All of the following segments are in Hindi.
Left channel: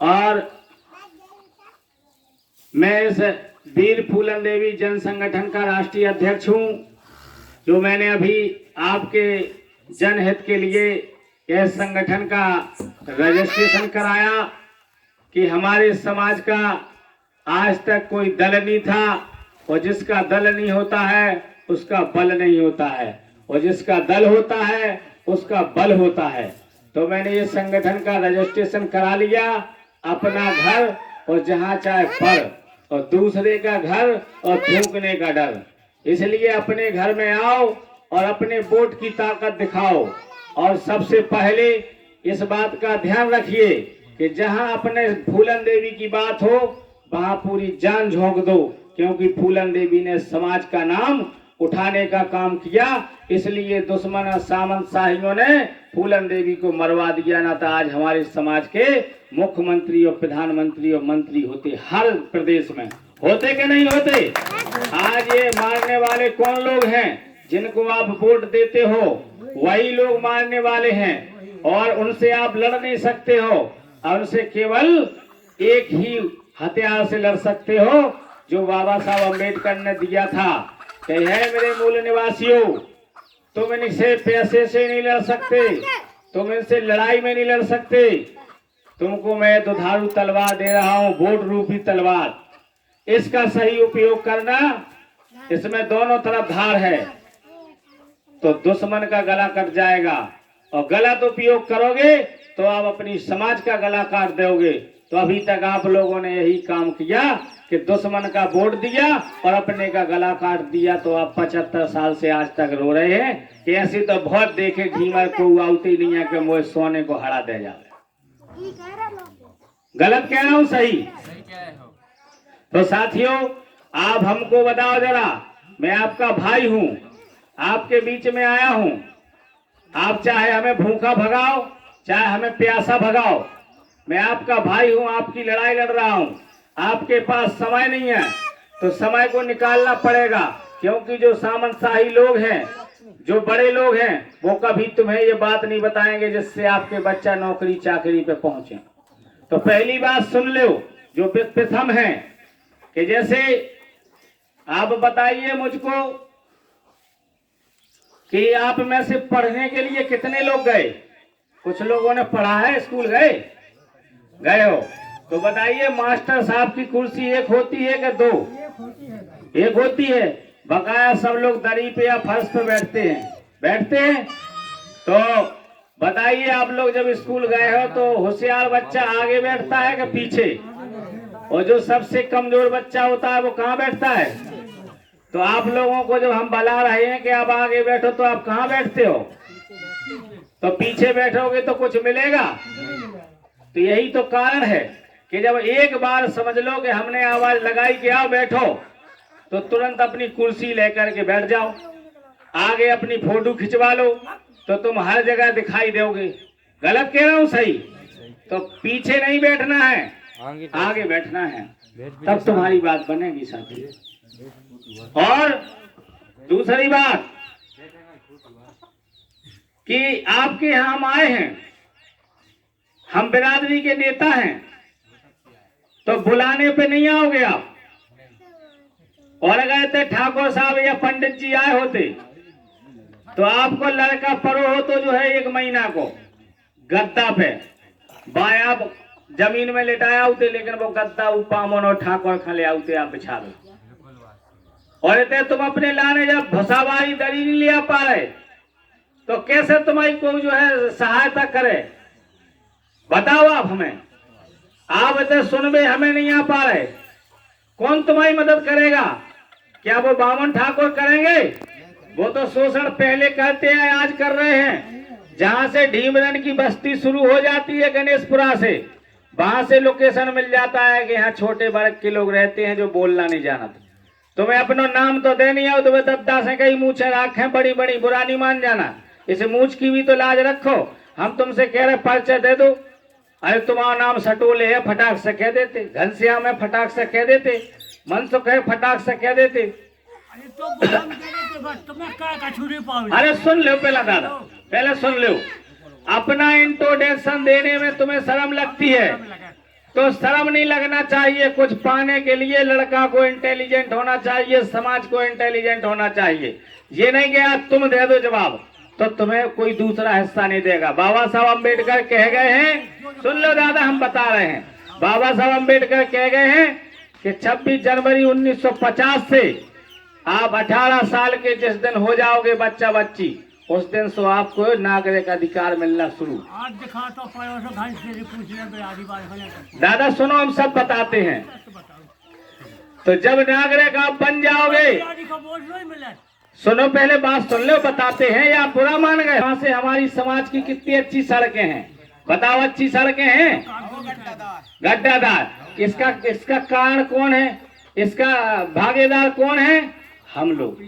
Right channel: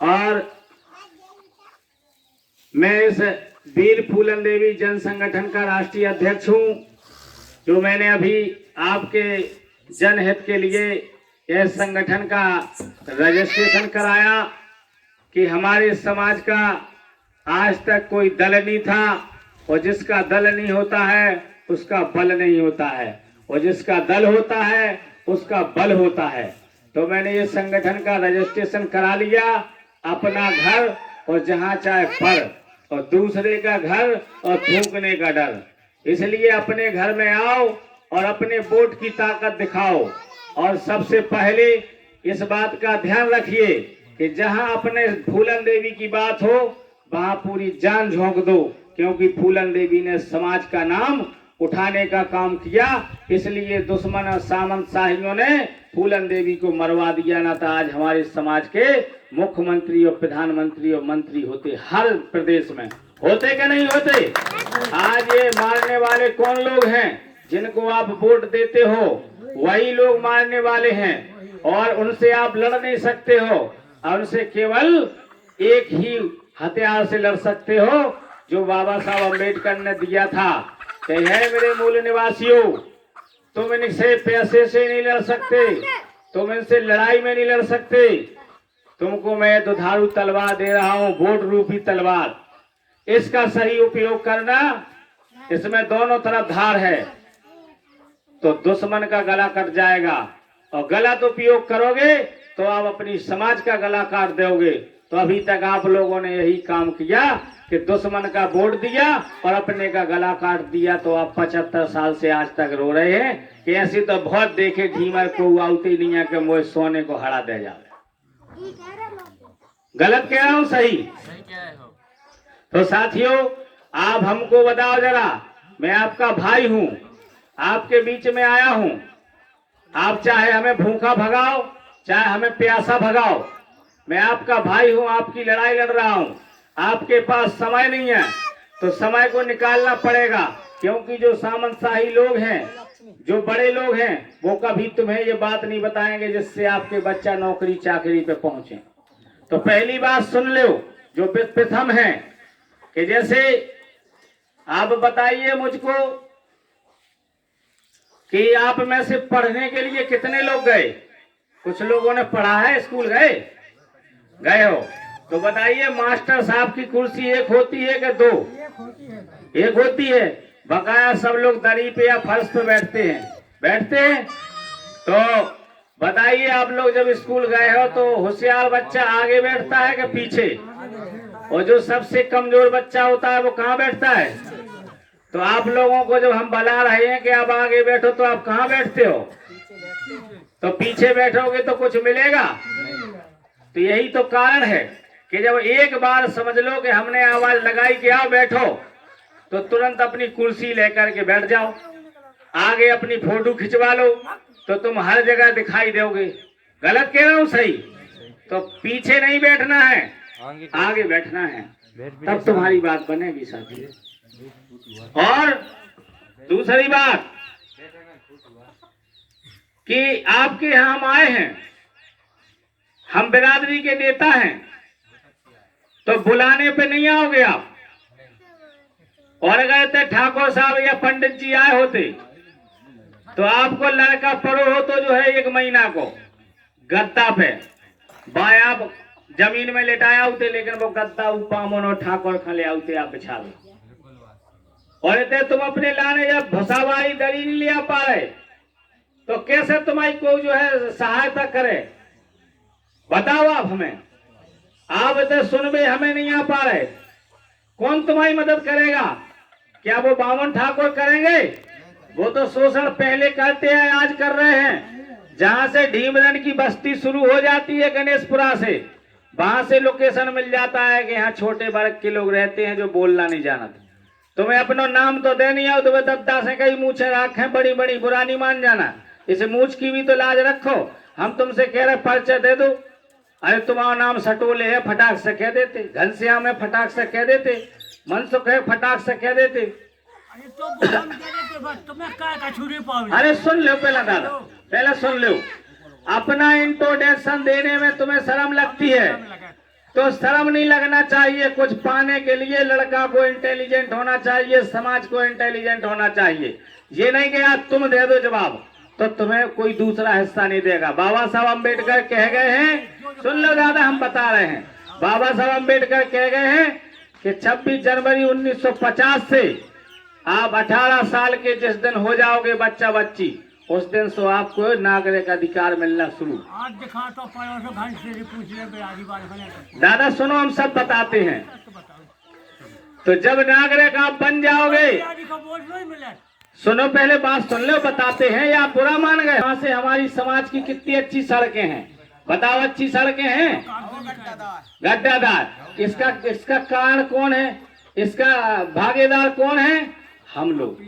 और मैं इस वीर फूलन देवी जन संगठन का राष्ट्रीय अध्यक्ष हूं, जो मैंने अभी आपके जनहित के लिए इस संगठन का रजिस्ट्रेशन कराया कि हमारे समाज का आज तक कोई दल नहीं था, और जिसका दल नहीं होता है उसका बल नहीं होता है, और जिसका दल होता है उसका बल होता है। तो मैंने इस संगठन का रजिस्ट्रेशन करा लिया। अपना घर और जहाँ चाहे पर, और दूसरे का घर और थूकने का डर। इसलिए अपने घर में आओ और अपने वोट की ताकत दिखाओ। और सबसे पहले इस बात का ध्यान रखिए कि जहां अपने फूलन देवी की बात हो वहां पूरी जान झोंक दो, क्योंकि फूलन देवी ने समाज का नाम उठाने का काम किया। इसलिए दुश्मन और सामंत शाहियों ने फूलन देवी को मरवा दिया, ना तो आज हमारे समाज के मुख्यमंत्री और प्रधानमंत्री और मंत्री होते हर प्रदेश में। होते कि नहीं होते? आज ये मारने वाले कौन लोग हैं? जिनको आप वोट देते हो वही लोग मारने वाले हैं, और उनसे आप लड़ नहीं सकते हो। और उनसे केवल एक ही हथियार से लड़ सकते हो, जो बाबा साहब अम्बेडकर ने दिया था कि है मेरे मूल निवासियों, तुम इनसे पैसे से नहीं लड़ सकते, तुम इनसे लड़ाई में नहीं लड़ सकते। तुमको मैं दुधारू तलवार दे रहा हूं, वोट रूपी तलवार। इसका सही उपयोग करना। इसमें दोनों तरफ धार है, तो दुश्मन का गला कट जाएगा, और गलत उपयोग करोगे तो आप अपनी समाज का गला काट दोगे। तो अभी तक आप लोगों ने यही काम किया कि दुश्मन का वोट दिया और अपने का गला काट दिया। तो आप 75 साल से आज तक रो रहे हैं कि ऐसी तो बहुत देखे ढीमर को आउती नहीं है कि मुझे सोने को हरा दे जाए। गलत कह रहा हूं? सही कह रहे हो। तो साथियों, आप हमको बताओ जरा, मैं आपका भाई हूं, आपके बीच में आया हूं। आप चाहे हमें भूखा भगाओ, चाहे हमें प्यासा भगाओ, मैं आपका भाई हूं, आपकी लड़ाई लड़ रहा हूं। आपके पास समय नहीं है तो समय को निकालना पड़ेगा, क्योंकि जो सामंतशाही लोग हैं, जो बड़े लोग हैं, वो कभी तुम्हें ये बात नहीं बताएंगे जिससे आपके बच्चा नौकरी चाकरी पे पहुंचे। तो पहली बात सुन लो जो प्रथम है कि जैसे आप बताइए मुझको कि आप में से पढ़ने के लिए कितने लोग गए? कुछ लोगों ने पढ़ा है, स्कूल गए हो? तो बताइए, मास्टर साहब की कुर्सी एक होती है कि दो? एक होती है। बकाया सब लोग दरी पे या फर्श पे बैठते हैं। तो बताइए, आप लोग जब स्कूल गए हो तो होशियार बच्चा आगे बैठता है कि पीछे? और जो सबसे कमजोर बच्चा होता है वो कहाँ बैठता है? तो आप लोगों को जब हम बुला रहे हैं कि आप आगे बैठो, तो आप कहाँ बैठते हो? तो पीछे बैठोगे तो कुछ मिलेगा? तो यही तो कारण है कि जब एक बार समझ लो कि हमने आवाज लगाई कि आओ बैठो, तो तुरंत अपनी कुर्सी लेकर के बैठ जाओ। आगे अपनी फोटो खिंचवा लो तो तुम हर जगह दिखाई दोगे। गलत कह रहा हूं? सही। तो पीछे नहीं बैठना है, आगे बैठना है, तब तुम्हारी बात बनेगी साथी। और दूसरी बात कि आपके यहाँ हम आए हैं, हम बिरादरी के नेता हैं, तो बुलाने पे नहीं आओगे आप। और अगर ठाकुर साहब या पंडित जी आए होते तो आपको लड़का पड़ो हो तो जो है 1 महीना को गद्दा पे बाया जमीन में लेटाया होते, लेकिन वो गद्दा उपामन और ठाकुर खले आते आप बिछावे। और इतने तुम अपने लाने जब भसावारी दरी नहीं लिया पा रहे तो कैसे तुम्हारी को जो है सहायता करे? बताओ आप हमें। आप इतने सुन में हमें नहीं आ पा रहे, कौन तुम्हारी मदद करेगा? क्या वो बावन ठाकुर करेंगे? वो तो शोषण पहले करते हैं, आज कर रहे हैं। जहां से ढीमरन की बस्ती शुरू हो जाती है गणेशपुरा से, वहां से लोकेशन मिल जाता है कि यहाँ छोटे वर्ग के लोग रहते हैं जो बोलना नहीं जानते। तुम्हें अपना नाम तो दे नहीं आओ, तुम्हें दद्दा से कई मूछे आंखें बड़ी बड़ी, बुरा नहीं मान जाना। इस मूछ की भी तो लाज रखो। हम तुमसे कह रहे पर्चा दे दो, अरे तुम्हारा नाम सटोले है, फटाक से कह देते। घनश्याम है, फटाक से कह देते। मनसुख है, फटाक से कह देते। अरे सुन लो पहले सुन लो। अपना इंट्रोडक्शन देने में तुम्हें शर्म लगती है तो शर्म नहीं लगना चाहिए। कुछ पाने के लिए लड़का को इंटेलिजेंट होना चाहिए, समाज को इंटेलिजेंट होना चाहिए। ये नहीं कि यार तुम दे दो जवाब तो तुम्हें कोई दूसरा हिस्सा नहीं देगा। बाबा साहब अम्बेडकर कह गए हैं, सुन लो दादा हम बता रहे हैं, बाबा साहब अम्बेडकर कह गए हैं कि 26 जनवरी 1950 से आप 18 साल के जिस दिन हो जाओगे बच्चा बच्ची, उस दिन से आपको नागरिक अधिकार मिलना शुरू। आज दिखा तो पड़ोस घंट से पूछ ले बिहारी बात बने दादा सुनो हम सब बताते हैं। तो बताओ तो जब नागरिक आप बन जाओगे, बिहारी का वोट नहीं मिले। सुनो पहले बात सुन लो, बताते हैं या बुरा मान गए। यहाँ से हमारी समाज की कितनी अच्छी सड़कें हैं, बताओ अच्छी सड़कें हैं, गड्ढादार। इसका कारण कौन है, इसका भागीदार कौन है, हम लोग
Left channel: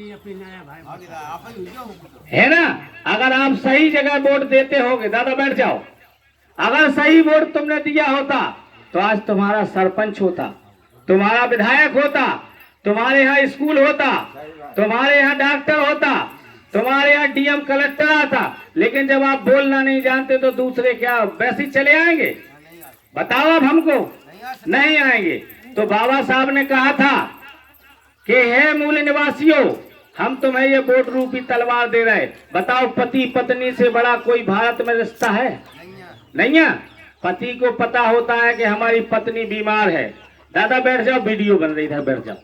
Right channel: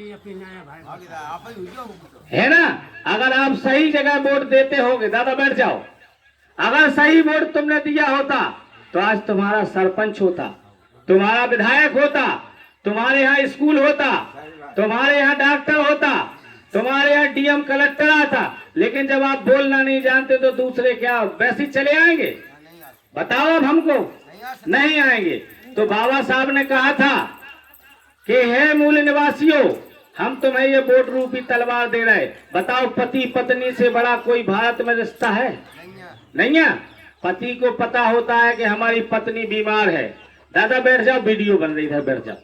है ना। अगर आप सही जगह वोट देते होगे, दादा बैठ जाओ, अगर सही वोट तुमने दिया होता तो आज तुम्हारा सरपंच होता, तुम्हारा विधायक होता, तुम्हारे यहाँ स्कूल होता, तुम्हारे यहाँ डॉक्टर होता, तुम्हारे यहाँ डीएम कलेक्टर आता। लेकिन जब आप बोलना नहीं जानते तो दूसरे क्या वैसे चले आएंगे, बताओ अब हमको नहीं आएंगे। तो बाबा साहब ने कहा था कि हे मूल निवासियों, हम तुम्हें ये वोट रूपी तलवार दे रहे। बताओ पति पत्नी से बड़ा कोई भारत में रिश्ता है? नहीं है। पति को पता होता है कि हमारी पत्नी बीमार है, दादा बैठ जाओ, वीडियो बन रही है, बैठ जाओ।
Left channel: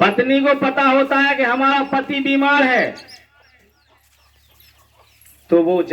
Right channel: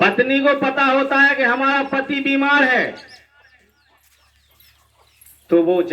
पत्नी को पता होता है कि हमारा पति बीमार है, तो वो